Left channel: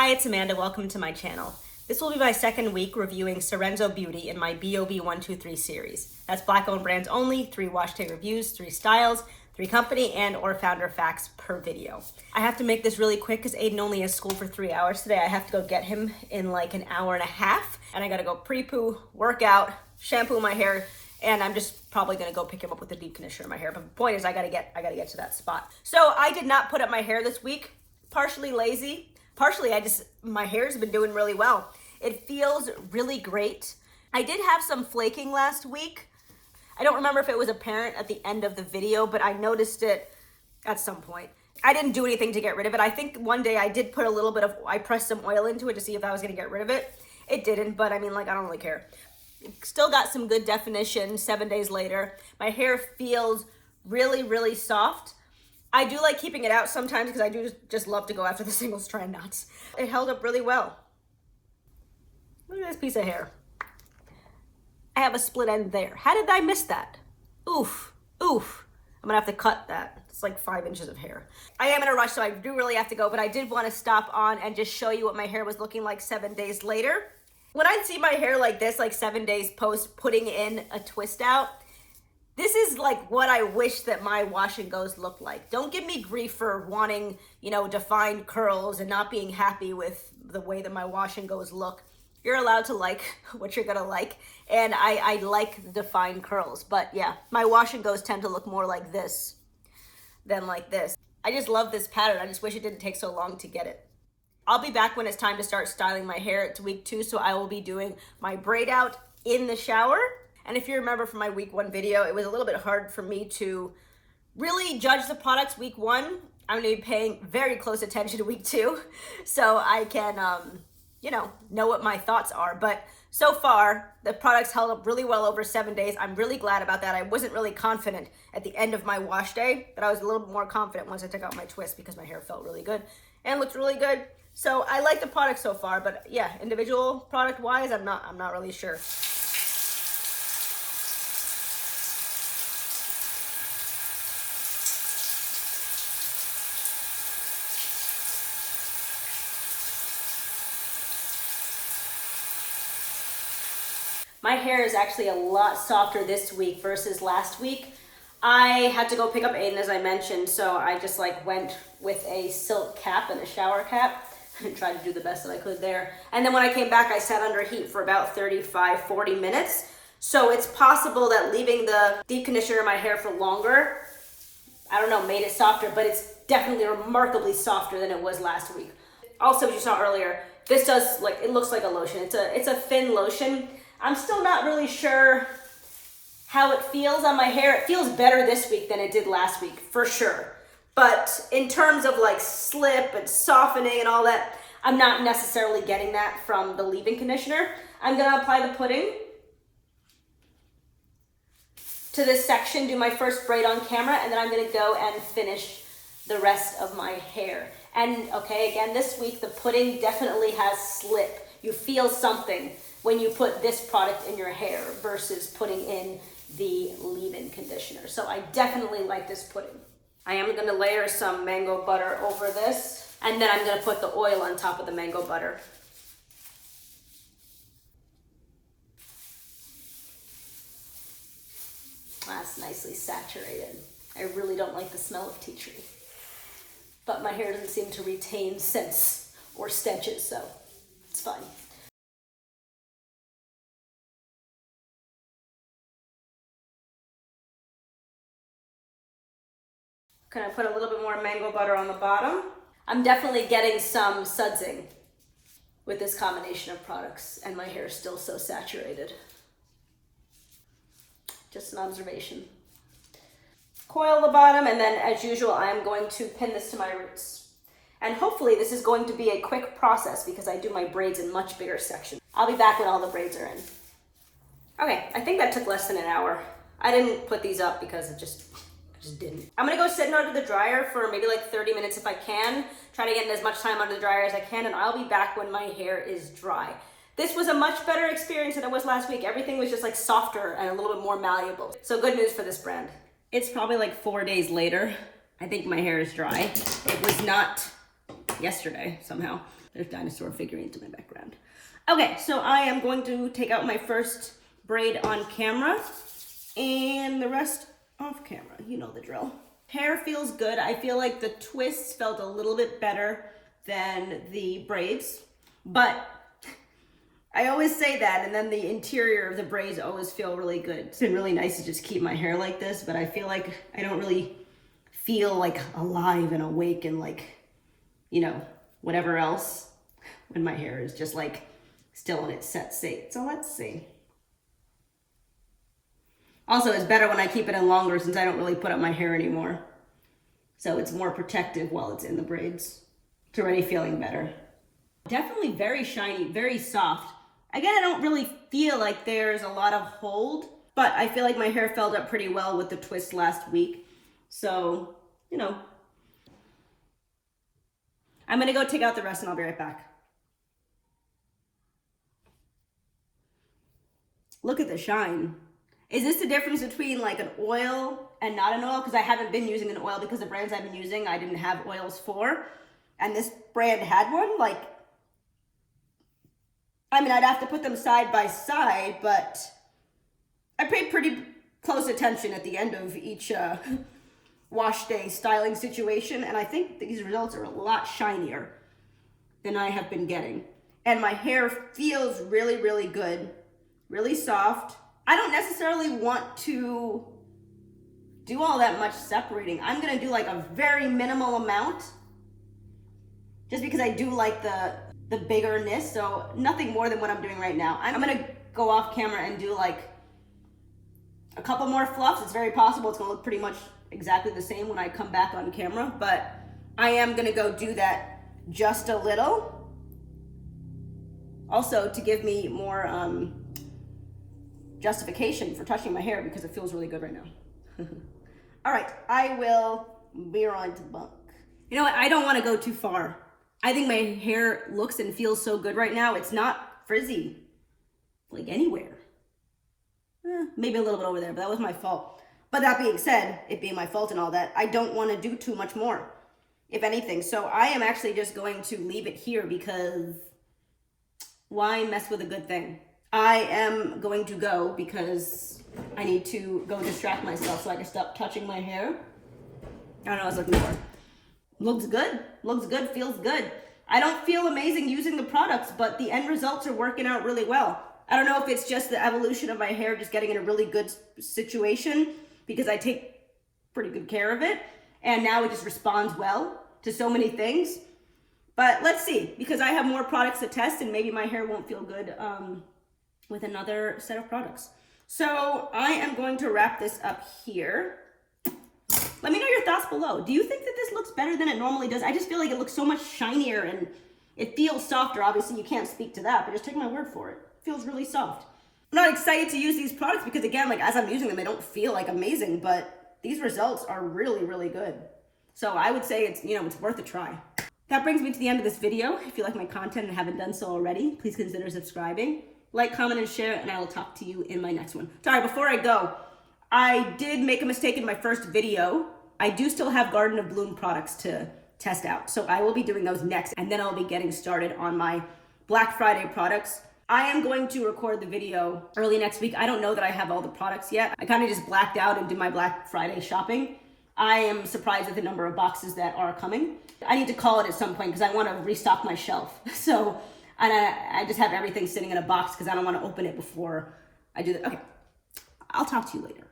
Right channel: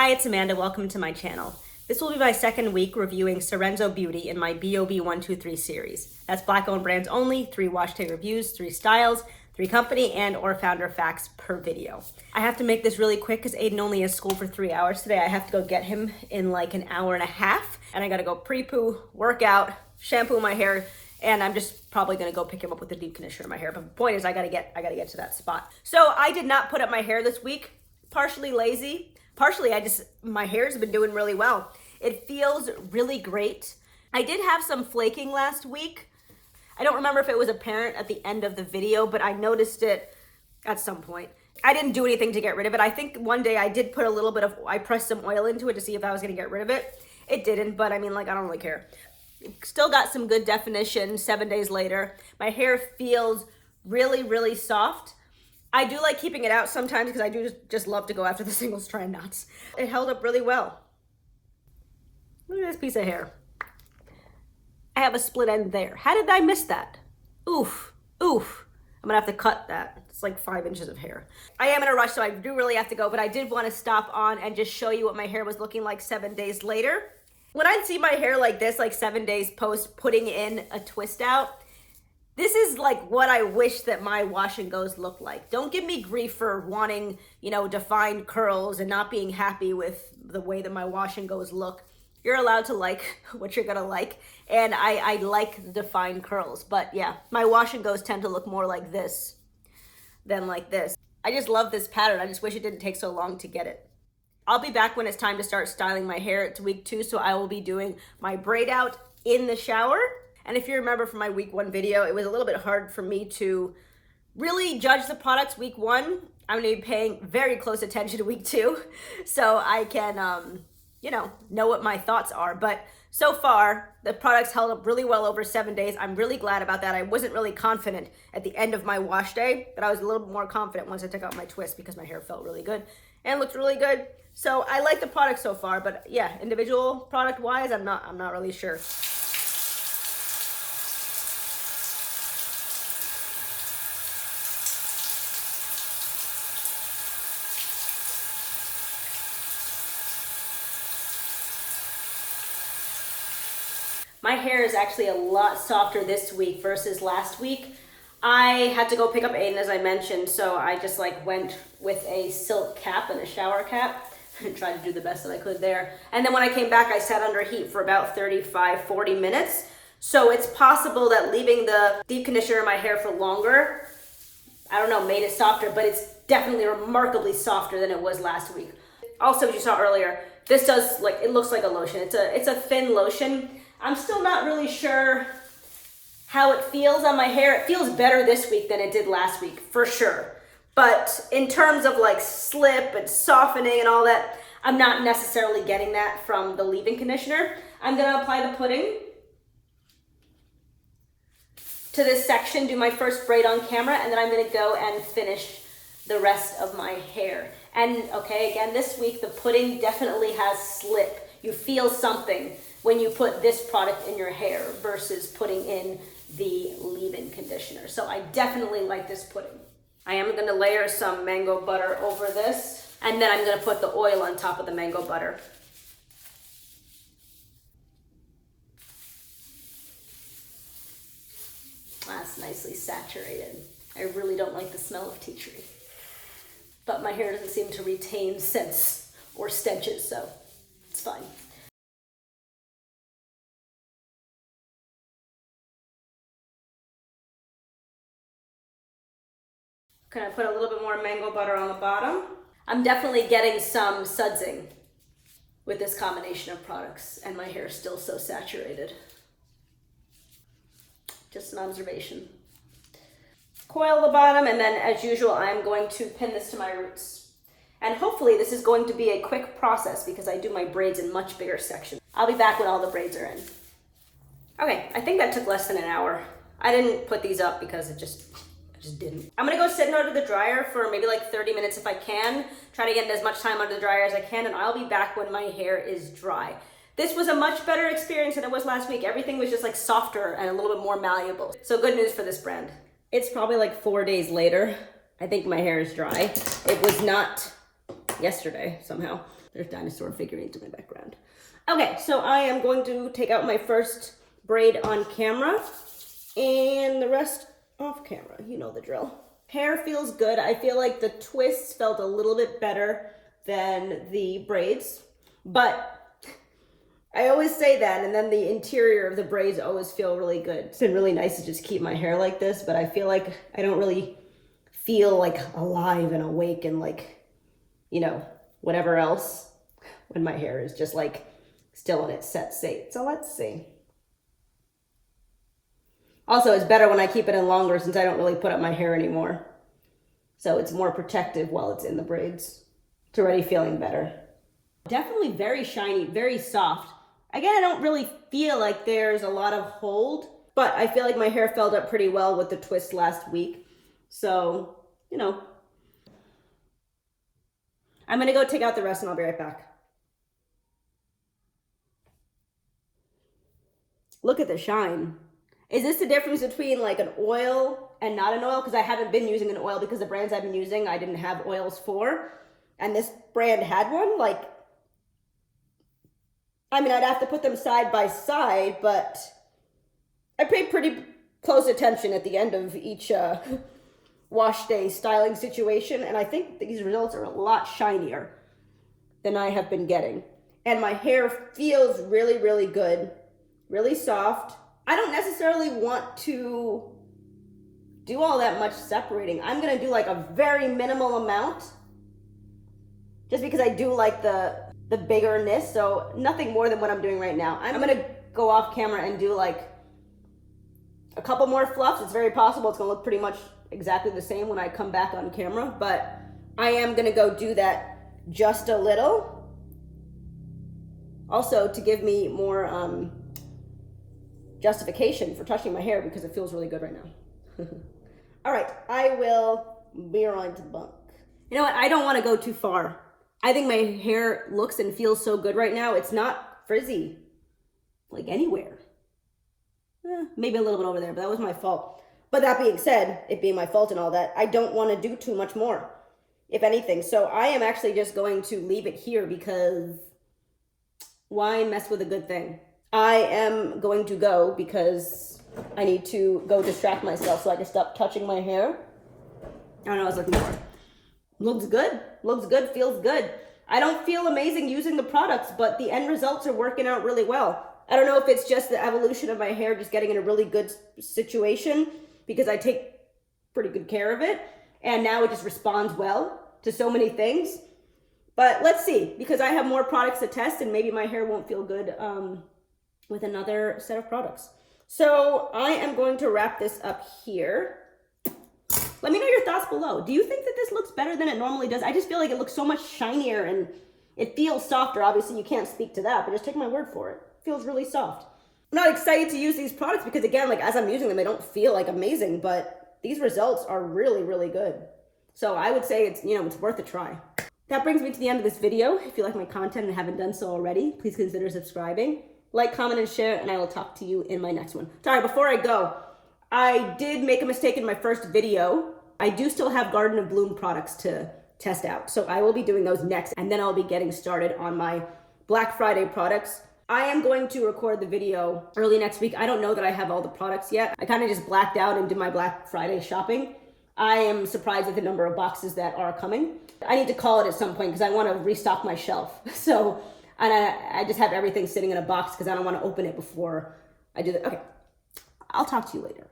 Hi, it's Amanda. Welcome to my channel. This will be my second week reviewing Sarenzo Beauty in my BOB123 series. That's Black-owned brands only, 3 wash day reviews, 3 styles, 3 company and or founder facts per video. I have to make this really quick because Aiden only has school for 3 hours today. I have to go get him in like an hour and a half, and I gotta go Prepoo, work out, shampoo my hair, and I'm just probably gonna go pick him up with the deep conditioner in my hair. But the point is I gotta get to that spot. So I did not put up my hair this week, partially lazy. Partially, my hair's been doing really well. It feels really great. I did have some flaking last week. I don't remember if it was apparent at the end of the video, but I noticed it at some point. I didn't do anything to get rid of it. I think one day I did put a little bit of, I pressed some oil into it to see if I was gonna get rid of it. It didn't, but I mean, like, I don't really care. Still got some good definition 7 days later. My hair feels really, really soft. I do like keeping it out sometimes because I do just love to go after the single strand knots. It held up really well. Look at this piece of hair. I have a split end there. How did I miss that? Oof, oof. I'm gonna have to cut that. It's like 5 inches of hair. I am in a rush, so I do really have to go, but I did want to stop on and just show you what my hair was looking like 7 days later. When I see my hair like this, like 7 days post putting in a twist out, this is like what I wish that my wash and goes looked like. Don't give me grief for wanting, you know, defined curls and not being happy with the way that my wash and goes look. You're allowed to like what you're gonna like. And I like defined curls, but yeah, my wash and goes tend to look more like this than like this. I just love this pattern. I just wish it didn't take so long to get it. I'll be back when it's time to start styling my hair. It's week 2, so I will be doing my braid out in the shower. And if you remember from my week 1 video, it was a little bit hard for me to really judge the products week 1. I'm gonna be paying very close attention to week 2, so I can, you know what my thoughts are. But so far, the products held up really well over 7 days. I'm really glad about that. I wasn't really confident at the end of my wash day, but I was a little bit more confident once I took out my twist because my hair felt really good and looked really good. So I like the product so far, but yeah, individual product wise, I'm not really sure. My hair is actually a lot softer this week versus last week. I had to go pick up Aiden, as I mentioned, so I just like went with a silk cap and a shower cap and tried to do the best that I could there. And then when I came back, I sat under heat for about 35-40 minutes. So it's possible that leaving the deep conditioner in my hair for longer, I don't know, made it softer, but it's definitely remarkably softer than it was last week. Also, as you saw earlier, this does, like, it looks like a lotion. It's a thin lotion. I'm still not really sure how it feels on my hair. It feels better this week than it did last week, for sure. But in terms of like slip and softening and all that, I'm not necessarily getting that from the leave-in conditioner. I'm gonna apply the pudding to this section, do my first braid on camera, and then I'm gonna go and finish the rest of my hair. And okay, again, this week the pudding definitely has slip. You feel something when you put this product in your hair versus putting in the leave-in conditioner. So I definitely like this pudding. I am gonna layer some mango butter over this, and then I'm gonna put the oil on top of the mango butter. That's nicely saturated. I really don't like the smell of tea tree, but my hair doesn't seem to retain scents or stenches, so it's fine. Can I put a little bit more mango butter on the bottom? I'm definitely getting some sudsing with this combination of products, and my hair is still so saturated. Just an observation. Coil the bottom, and then as usual, I'm going to pin this to my roots. And hopefully this is going to be a quick process because I do my braids in much bigger sections. I'll be back when all the braids are in. Okay, I think that took less than an hour. I didn't put these up because I just didn't. I'm gonna go sit under the dryer for maybe like 30 minutes if I can. Try to get as much time under the dryer as I can, and I'll be back when my hair is dry. This was a much better experience than it was last week. Everything was just like softer and a little bit more malleable. So good news for this brand. It's probably like 4 days later. I think my hair is dry. It was not yesterday somehow. There's dinosaur figurines in my background. Okay, so I am going to take out my first braid on camera and the rest off camera. You know the drill. Hair feels good. I feel like the twists felt a little bit better than the braids, but I always say that, and then the interior of the braids always feel really good. It's been really nice to just keep my hair like this, but I feel like I don't really feel like alive and awake and like, you know, whatever else when my hair is just like still in its set state. So let's see. Also, it's better when I keep it in longer since I don't really put up my hair anymore. So it's more protective while it's in the braids. It's already feeling better. Definitely very shiny, very soft. Again, I don't really feel like there's a lot of hold, but I feel like my hair felt up pretty well with the twist last week. So, you know. I'm gonna go take out the rest and I'll be right back. Look at the shine. Is this the difference between like an oil and not an oil? Because I haven't been using an oil because the brands I've been using, I didn't have oils for. And this brand had one. Like, I mean, I'd have to put them side by side, but I paid pretty close attention at the end of each wash day styling situation. And I think these results are a lot shinier than I have been getting. And my hair feels really, really good, really soft. I don't necessarily want to do all that much separating. I'm gonna do like a very minimal amount just because I do like the biggerness, so nothing more than what I'm doing right now. I'm gonna go off camera and do like a couple more fluffs. It's very possible it's gonna look pretty much exactly the same when I come back on camera, but I am gonna go do that just a little. Also to give me more justification for touching my hair because it feels really good right now. All right, I will be right back. You know what, I don't wanna go too far. I think my hair looks and feels so good right now. It's not frizzy, like anywhere. Maybe a little bit over there, but that was my fault. But that being said, it being my fault and all that, I don't want to do too much more, if anything. So I am actually just going to leave it here because why mess with a good thing? I am going to go because I need to go distract myself so I can stop touching my hair. I don't know what I was looking for. Looks good, feels good. I don't feel amazing using the products, but the end results are working out really well. I don't know if it's just the evolution of my hair just getting in a really good situation because I take pretty good care of it, and now it just responds well to so many things. But let's see, because I have more products to test and maybe my hair won't feel good with another set of products. So I am going to wrap this up here. Let me know your thoughts below. Do you think that this looks better than it normally does? I just feel like it looks so much shinier and it feels softer. Obviously, you can't speak to that, but just take my word for it. It feels really soft. I'm not excited to use these products because, again, like as I'm using them, they don't feel like amazing, but these results are really, really good. So I would say it's, it's worth a try. That brings me to the end of this video. If you like my content and haven't done so already, please consider subscribing. Like, comment, and share, and I will talk to you in my next one. Sorry, before I go, I did make a mistake in my first video. I do still have Garden of Bloom products to test out. So I will be doing those next, and then I'll be getting started on my Black Friday products. I am going to record the video early next week. I don't know that I have all the products yet. I kind of just blacked out and did my Black Friday shopping. I am surprised at the number of boxes that are coming. I need to call it at some point because I want to restock my shelf. So, and I just have everything sitting in a box because I don't want to open it before I do that. Okay, I'll talk to you later.